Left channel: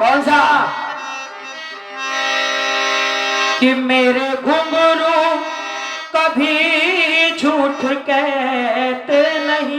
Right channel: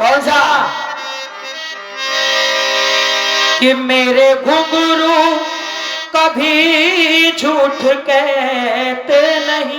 कौन सा? कि मेरे घुंघरू कभी झूठ कहते नहीं।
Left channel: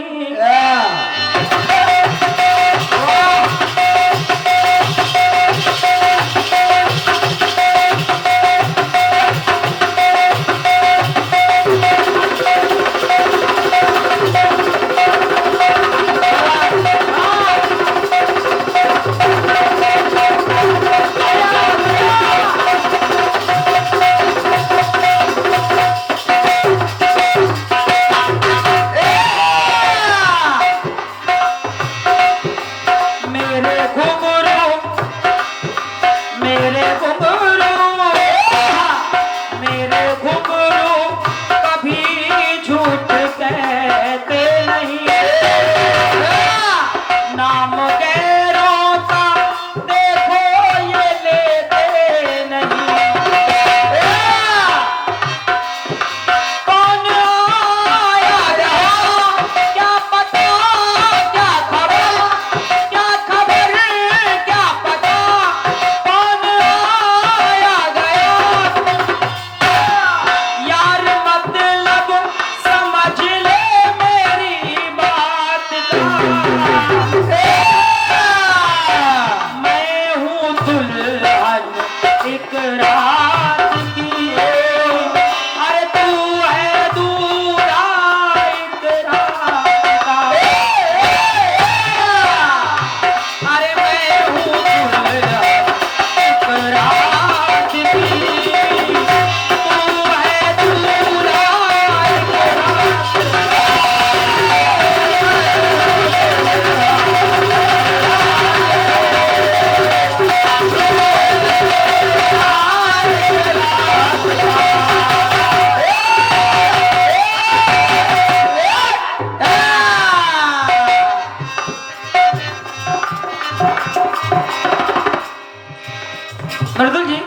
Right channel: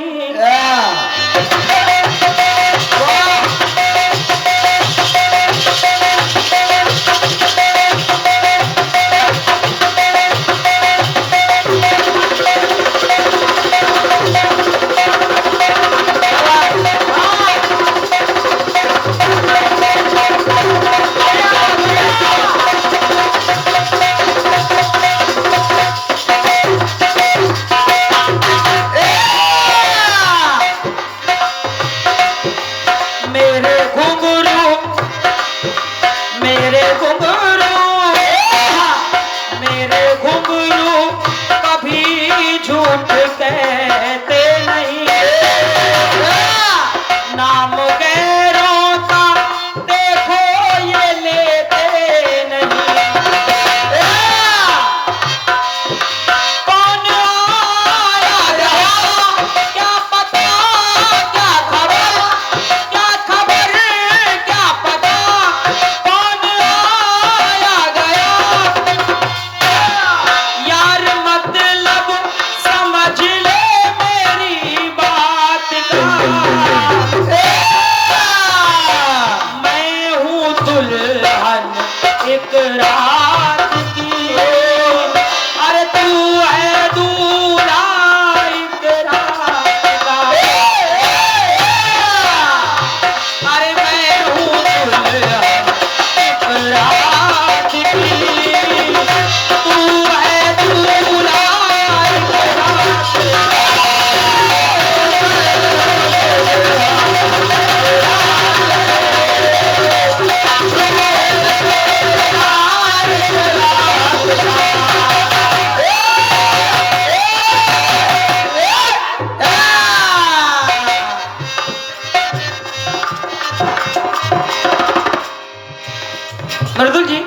मृदुल जी,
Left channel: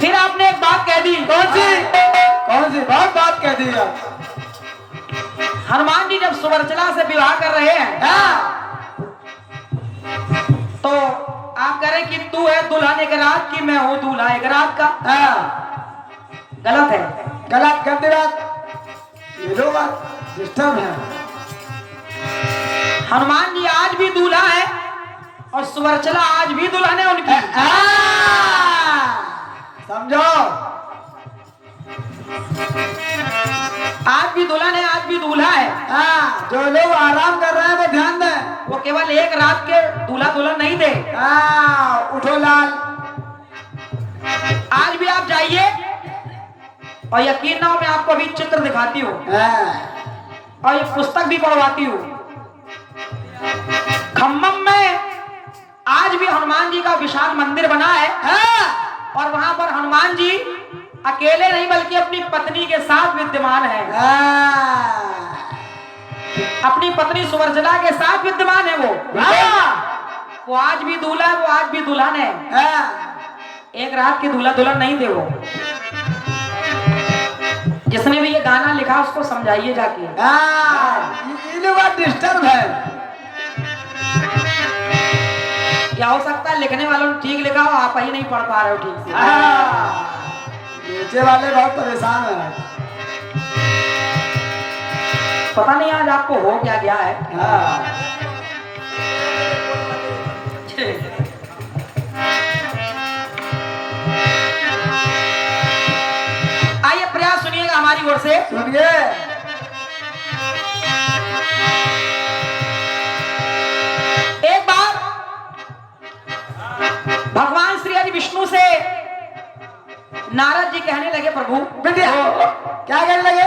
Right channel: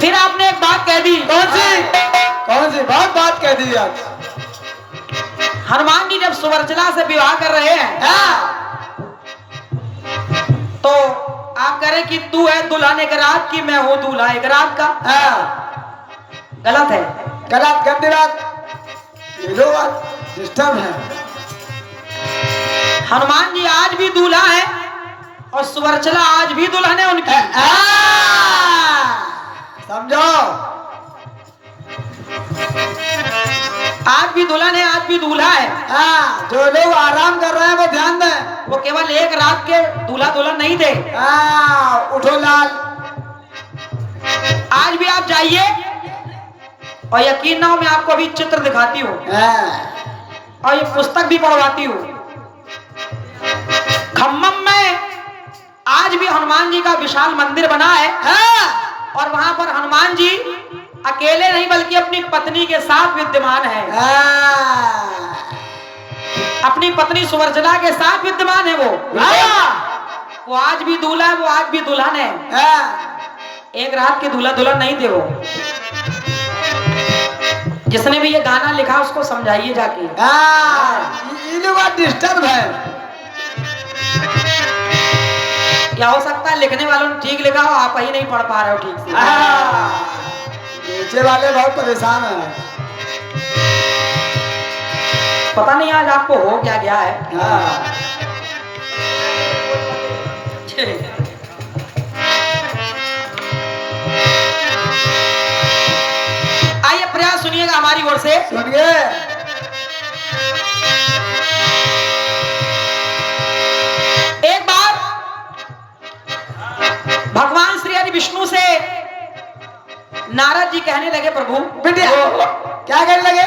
फिर आपने एक बात कह दी। कौन सी बात कह दी आप? हनुमान जी जब सुवर्चला से विवाह कर रहे हैं, तो आप कह रहे कि तू है दुल्हन एक रात की, मैं हूं दूल्हा एक रात का। गलत है, गलत गंदी बात, ये लो बात डिस्टर्ब है। हनुमान जी आज भी दूल्हा है और सुवर्चला आज भी दुल्हन है उनकी। समझो, आज भी दुल्हन है, आज भी दूल्हा है। जो लोग आराम कर रहे हैं वो ध्यान दें, वो केवल एक रात के दूल्हा दुल्हन नहीं थे। उठो लाल। आज भी आप जाइए और यकीन ना हो, मैं आपको अभी चित्र दिखाती हूँ और ये पुस्तक भी पढ़वाती हूँ। खम्मम में आज भी हनुमान जी का विशाल मंदिर बना है, और वहां पर हनुमान जी अकेले नहीं बल्कि अपनी पत्नी के साथ विद्यमान है। अपनी पत्नी सुवर्चला के साथ विद्यमान है वो आज भी दूल्हा है, वो आज भी दुल्हन है। एक रात के दूल्हा दुल्हन नहीं थे वो। जिसने भी ये गाना लिखा उसको समझाइए जाके। ये बात डिस्टर्ब है। क्या हो सकता है लिखने वालों ने ठीक लिखा हो, आप ही नहीं पढ़ पा रहे हो ठीक से। नीचे वाले बहुत परेशान है। पता नहीं आज आपको हो क्या गया है। आइए प्रयास सुनिएगा हमारी ओर से। सुनिए। एक बार भगवान श्री हरि विष्णु से नारद जी कहने लगे, प्रभु क्या कहने लगे?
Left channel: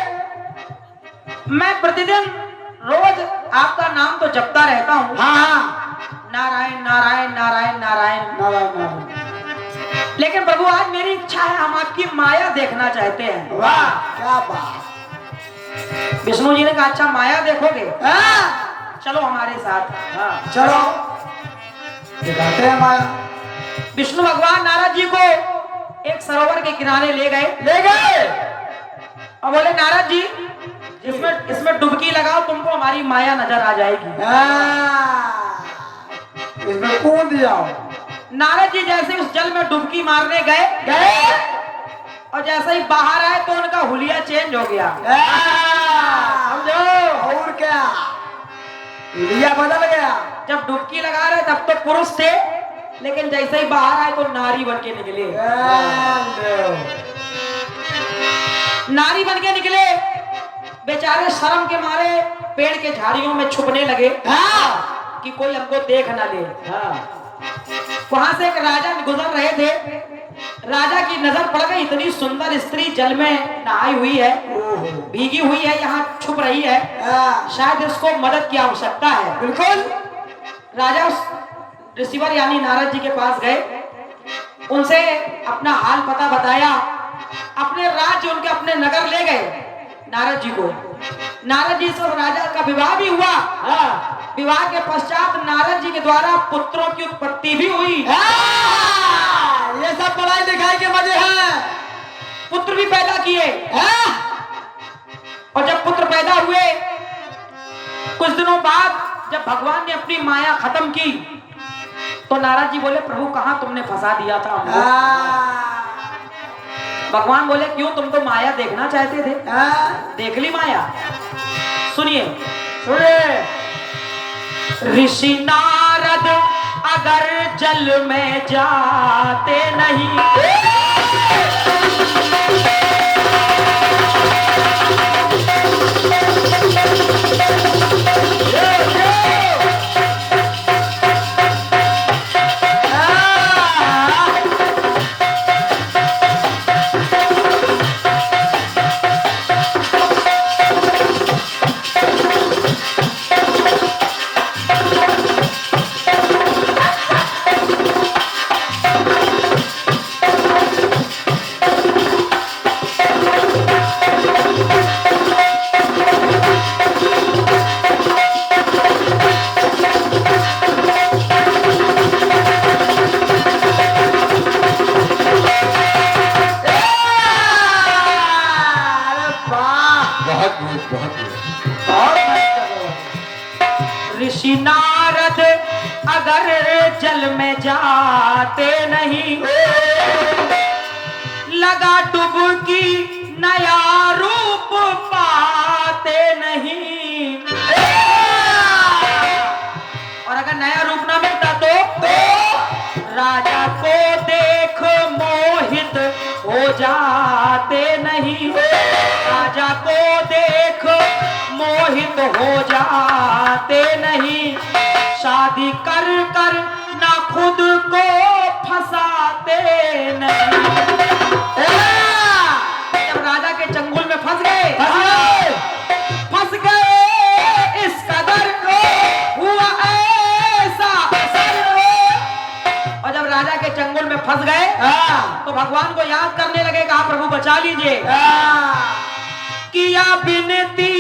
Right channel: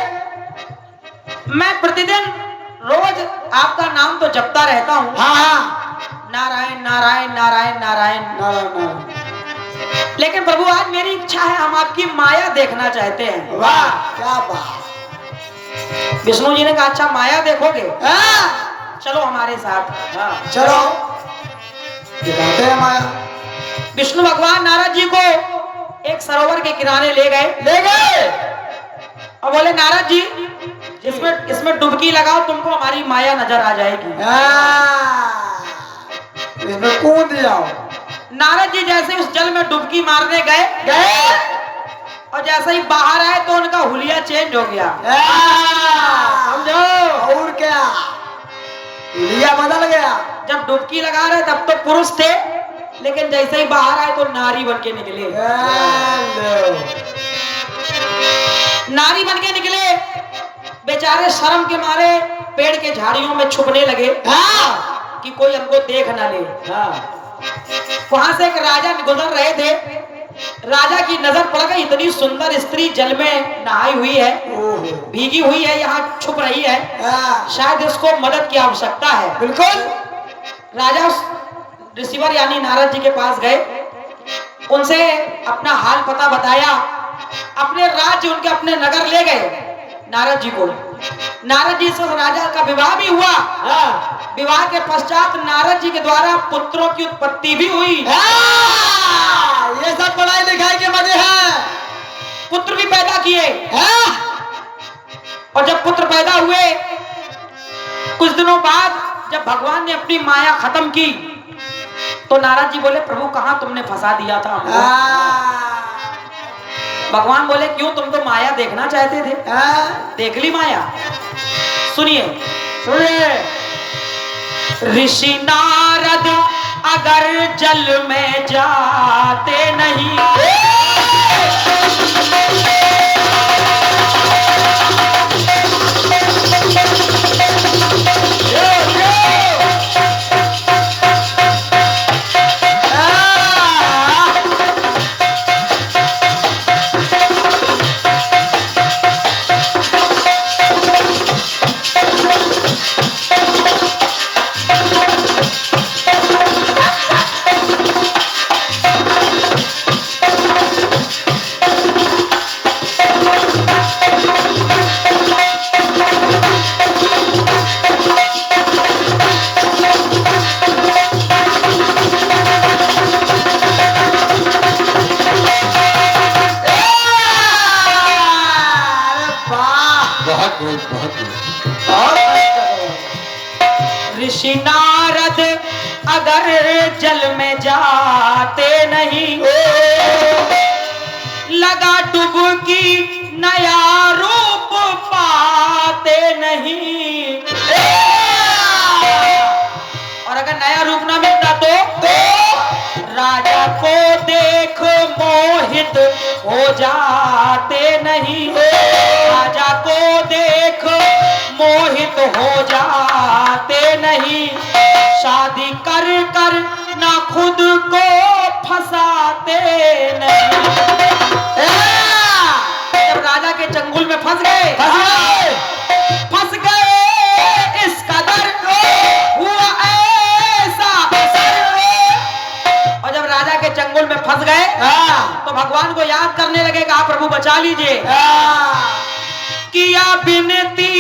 मैं प्रतिदिन रोज आपका नाम तो जपता रहता हूँ। नारायण नारायण नारायण नारायण। लेकिन प्रभु आज मेरी इच्छा है, हम आपकी माया देखना चाहते हैं। वाह क्या बात। विष्णु जी ने कहा अच्छा माया देखोगे? चलो हमारे साथ। चलो दिखाते हैं माया। विष्णु भगवान नारद जी को एक सरोवर के किनारे ले गए ले गए और बोले नारद जी इसमें इसमें डुबकी लगाओ, तुमको हमारी माया नजर आ जाएगी। इसमें कूद जाओ। नारद जी जैसे उस जल में डुबकी मारने गए और जैसे ही बाहर आए तो उनका हुलिया चेंज हो गया। और क्या, हुलिया बदल गया। जब डुबकी लगा रहे तब तो पुरुष थे, लेकिन जैसे ही बाहर आए तो नारी बन के निकले। नारी बन के निकले, बेचारे शर्म के मारे पेड़ के झाड़ियों में छुपने लगे कि कोई हमको देख ना ले। वहां से एक राजा गुजर रहे थे, राजा की नजर पड़ गई, इतनी सुंदर स्त्री जल में नहाई हुई है, भीगी हुई है, यहाँ छुप रही है, शायद इसको मदद की आवश्यकता है। बिल्कुल। राजा उस रिसीवर यानी नारद जी के पास गए, उनसे अपना हाल पता बताया, अपने राज्य उनके अपने नगर ले गए नारद जी को। नारद जी से राजा का विवाह भी हुआ। विवाह के पश्चात नारद जी के द्वारा पुत्रों की उत्पत्ति भी हुई। ये सब पढ़ाई लिखाई के मजे हैं। पुत्र भी पैदा किए। और जब पुत्र पैदा हुए, कुछ दिनों बाद जब भगवान ने अपनी माया खत्म की तो नारद जी बोले, प्रभु कहाँ तुमने फंसा दिया था हमको? भगवान बोले, क्यों, तुम तो माया देखना चाहते थे, देख ली माया। सुनिए सुनिए, ऋषि नारद अगर जल में जाते नहीं, ऋषि नारद अगर जल में जाते नहीं, लगा डुबकी नया रूप पाते नहीं। और अगर नया रूप ना मिलता तो राजा को देख मोहित हो जाते नहीं, राजा को देख मोहित हो जाते नहीं, शादी कर कर ना खुद को फंसाते नहीं। जब राजा के चंगुल में फंस गए इस कदर हुआ ऐसा असर। और जब राजा के चंगुल में फंस गए तो भगवान को याद करने लगे, कहा प्रभु बचा लीजिए। किया विनती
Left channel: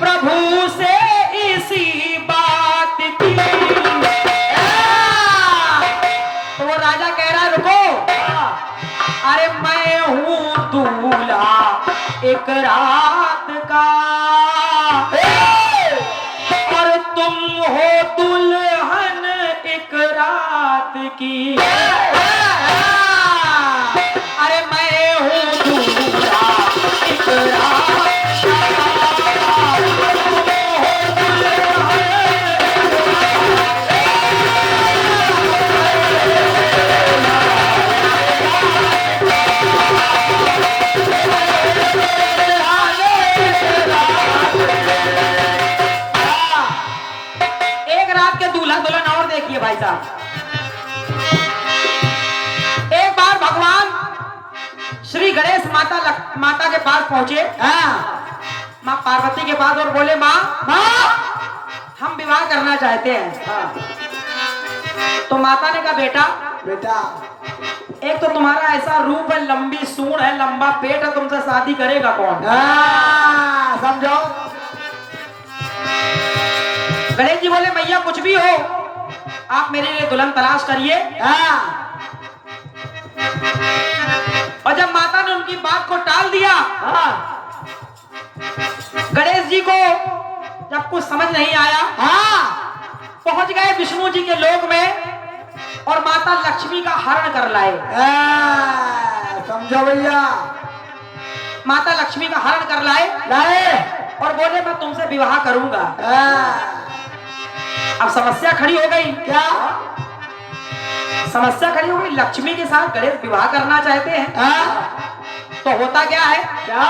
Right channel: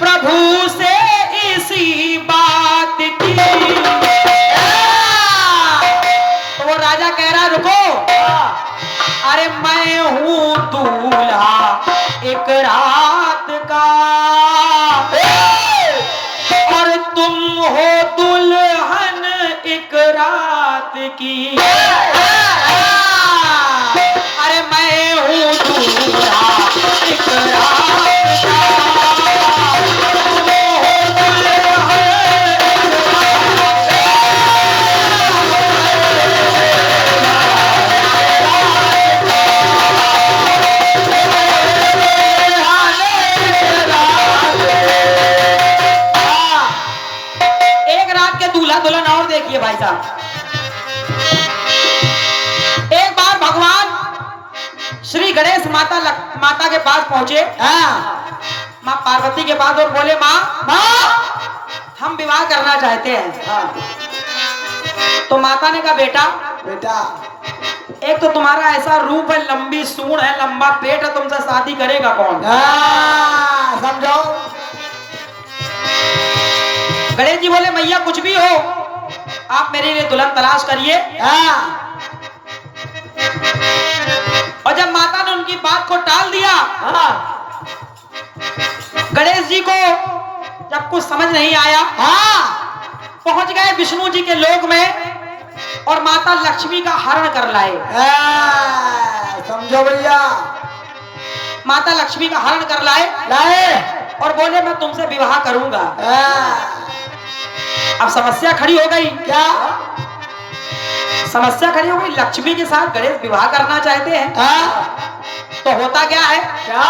प्रभु से इसी बात की, तो वो राजा कह रहा, रुको, अरे मैं हूँ दूल्हा एक रात का और तुम हो दुल्हन एक रात की। अरे मैं हूँ दूल्हा एक रात भाई साहब। एक बार भगवान श्री गणेश माता के पास पहुंचे, माँ पार्वती के पास, और बोले, माँ हम विवाह करना चाहते हैं। तो माता ने कहा, बेटा एक तो तुम्हारा ऐसा रूप है, लंबी सूंड है, लंबा पेट है, तुमसे शादी करेगा कौन? समझाओ। गणेश जी बोले, मैया कुछ भी हो, आप मेरे लिए दुल्हन तलाश करिए। और जब माता ने उनकी बात को टाल दिया, गणेश जी को जब कुछ समझ नहीं आया, पहुंच गए विष्णु जी के लोक में और माता लक्ष्मी का हरण कर लाए। समझो भैया, माता लक्ष्मी का हरण कर लाए और बोले मैं तुमसे विवाह करूंगा। अब समस्या खड़ी हो गई। क्या समस्या खड़ी हो गई? लक्ष्मी के साथ गणेश विवाह करना चाहते हैं। तो होता क्या है? क्या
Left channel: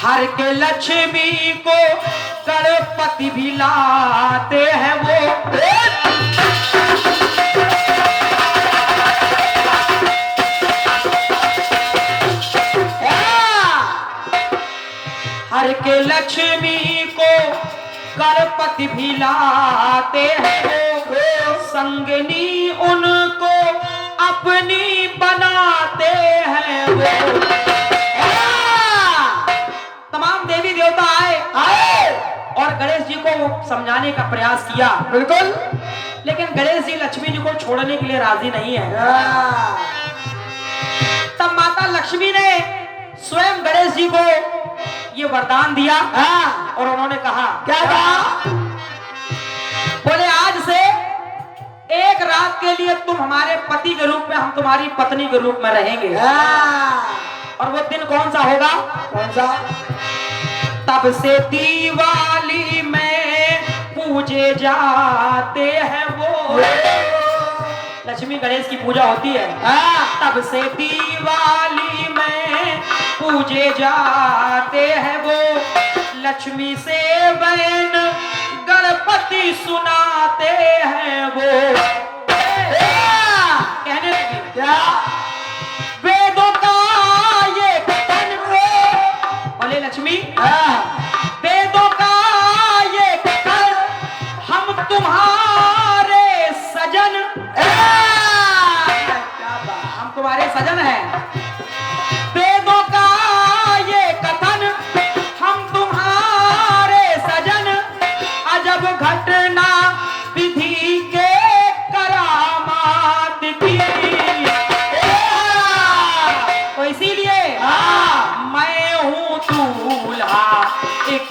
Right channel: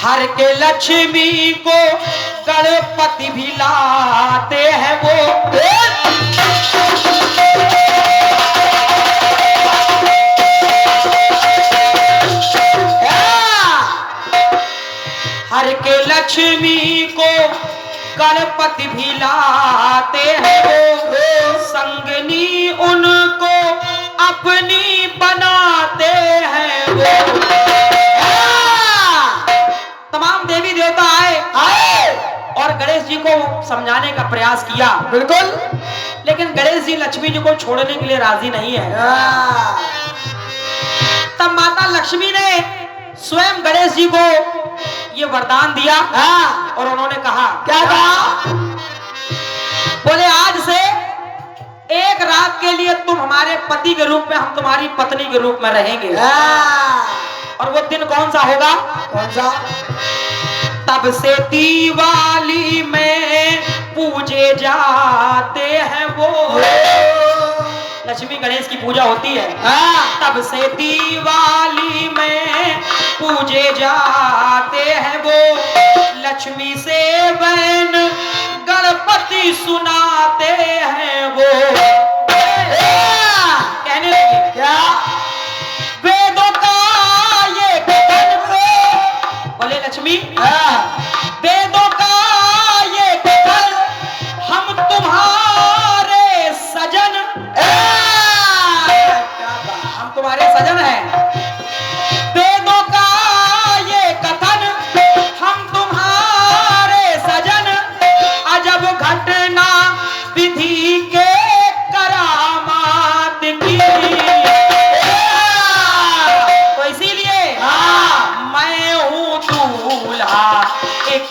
हर के लक्ष्मी को गणपति भी लाते हैं वो। हर के लक्ष्मी को गणपति भी लाते हैं वो, संगनी उनको अपनी बनाते हैं वो। तमाम देवी देवता आए और गणेश जी को समझाने का प्रयास किया। बिल्कुल, लेकिन गणेश जी लक्ष्मी जी को छोड़ने के लिए राजी नहीं है। तब माता लक्ष्मी ने स्वयं गणेश जी को ये वरदान दिया और उन्होंने कहा, क्या कहा? बोले आज से एक रात के लिए तुम हमारे पति के रूप में, हम तुम्हारी पत्नी के रूप में रहेंगे। और वो दिन कौन सा होगा? कौन सा? तब से दिवाली में पूजे जाते हैं वो। लक्ष्मी गणेश की पूजा होती है। तब से दिवाली में पूजे जाते हैं वो, लक्ष्मी से बहन गणपति सुनाते हैं वो। कहने लगी, क्या वेदों का ये कथन पे, बोले लक्ष्मी वेदों का ये कथन, हम तुम्हारे सजन, हम तुम्हारे सजन हैं। वेदों का ये कथन, हम तुम्हारे सजन, अजब घटना विधि के करामात की। तो इसीलिए मैं हूँ दूल्हा एक